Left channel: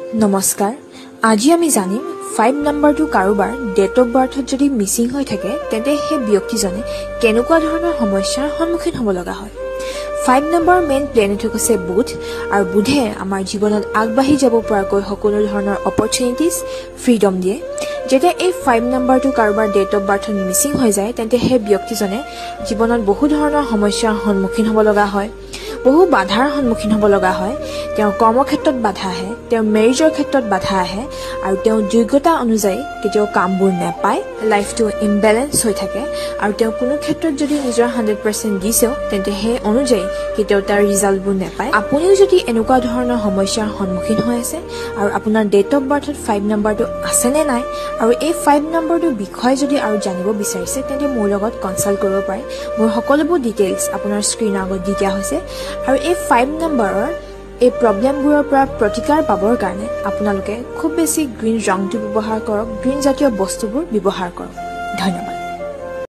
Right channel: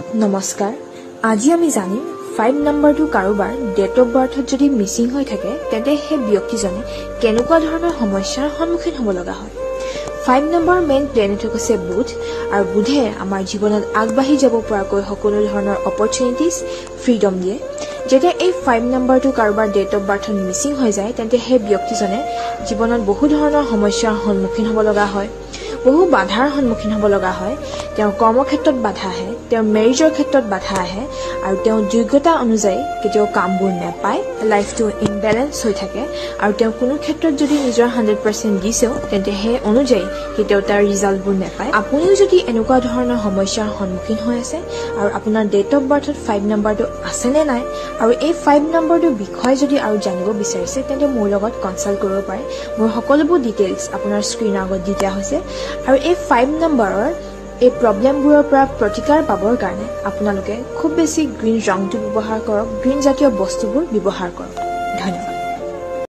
নমস্কাৰ আজি আমি জানিম 5 নম্বৰটো কাৰোবাৰ ডেট অফ বাৰ্থত যদি মিসিং হৈ থাকে তেন্তে সেই ব্যক্তিজনে কেনেকুৱা ধৰণৰ সমস্যাৰ সন্মুখীন হ'ব লগা হয় 5 নম্বৰ মেইন প্লেনেট হৈছে বুধ আৰু বুধে আমাৰ জীৱনত আগবাঢ়ি যাব পৰাকৈ সকলো ধৰণৰ অপৰচুনিটিজ ফ্ৰীডম দিয়ে যেতিয়া এই 5 নম্বৰটো কাৰোবাৰ ডেট অফ বাৰ্থত মিসিং হৈ যায় তেন্তে সেই ব্যক্তিজনে জীৱনত বহু ধৰণৰ সমস্যাৰ সন্মুখীন হ'ব লগা হয় বহু বাধাৰ সন্মুখীন হ'ব লগা হয় তেওঁ কৰ্মক্ষেত্ৰত বাধা আহে তেওঁ মেৰিজৰ ক্ষেত্ৰত বাধা আহে আৰু তেওঁ যোগ্যতা অনুযায়ী কেতিয়াও কামবোৰ নাপায় লাইফটো ইমবেলেন্স হৈ থাকে আৰু তেওঁ কোনো ক্ষেত্ৰত যদি নিজৰ 100% দিছে তেন্তে সেই অনুযায়ী কেতিয়াও তাৰ ৰিজাল্টবোৰ নাপায় আপুনিও যদি এনেকুৱা ধৰণৰ সমস্যাৰ সন্মুখীন হৈ আছে আৰু আপোনাৰ ডেট অফ বাৰ্থত 5 নম্বৰটো আছে নে নাই আৰু এই 5 নম্বৰটোৰ বিষয়ে যদি আৰু জানিব বিচাৰিছে তেন্তে মোৰ লগত কনসাল্ট কৰিব পাৰে মোৰ সকলোবোৰ ডিটেইলছ আপোনাৰ স্ক্ৰীনৰ আগত দি দিয়া হৈছে আৰু এই 5 নম্বৰৰ এই প্ৰবলেমবোৰৰ পৰা প্ৰতিকাৰ পাবৰ কাৰণে আপোনালোকে খুব বেছি গ্ৰীণ ৰংটো ব্যৱহাৰ কৰক গ্ৰীণ জাতীয় বস্তুবোৰ ব্যৱহাৰ কৰক ধন্যবাদ